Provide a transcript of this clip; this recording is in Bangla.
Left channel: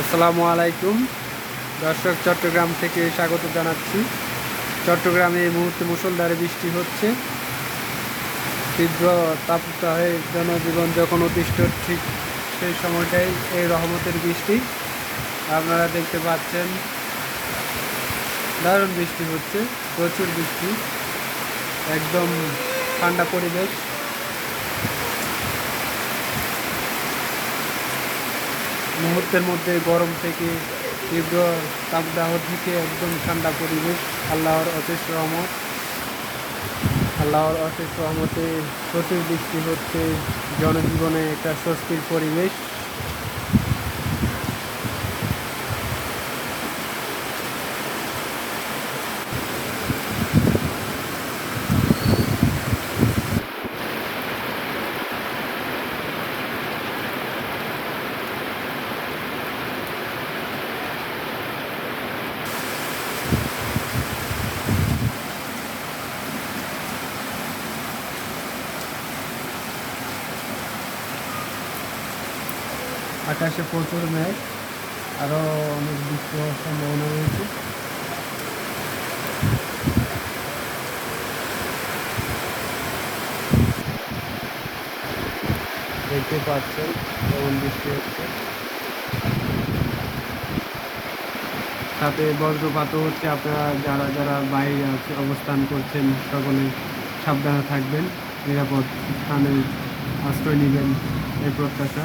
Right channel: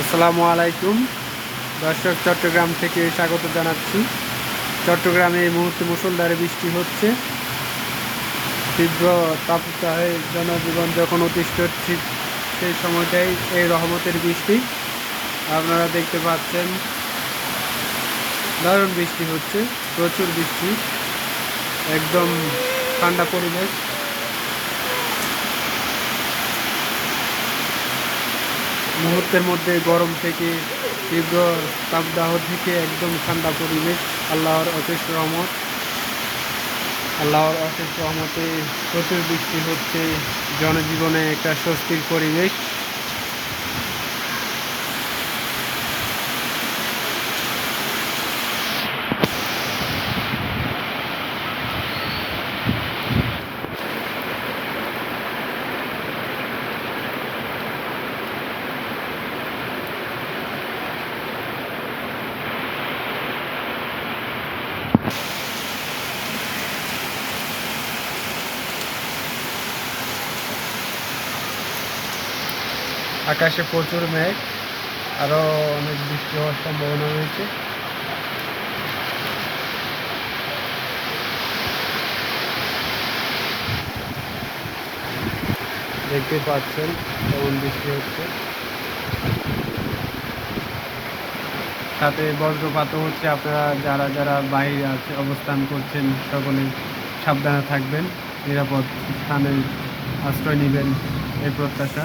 আসসালামু আলাইকুম। দর্শক, চট্টগ্রাম থেকে স্বাগত জানাচ্ছি। চট্টগ্রামে এই মুহূর্তে মুসলধারে বৃষ্টি হচ্ছে। তীব্র তাপদাহে জনজীবন যখন অতিষ্ঠ, ঠিক সেই সময়টাই এই রহমতের বৃষ্টি। আপনারা দেখতে পাচ্ছেন, দারুণ বৃষ্টি হচ্ছে, প্রচুর বৃষ্টি, একদম ঠান্ডা পরিবেশ। মুহূর্তের মধ্যে গরম থেকে তীব্র তাপদাহ থেকে একদম ঠান্ডা পরিবেশ। আল্লাহর অশেষ রহমত। আল্লাহর অশেষ রহমতে প্রচুর বৃষ্টি হচ্ছে। জনজীবনে একটা স্বস্তির পরিবেশ। আকাশে প্রচুর মেঘ আরও অনেক বৃষ্টি হওয়ার সম্ভাবনা রয়েছে। দেখতে পাচ্ছেন কেমন বৃষ্টি হচ্ছে। সাথে বজ্রপাতও হচ্ছে, আপনারা যারা যারা বাইরে আছে, অবস্থান করছেন, সকলে সাবধানে থাকবেন, নিরাপদ স্থানে আশ্রয় নেবেন, এই প্রত্যাশা।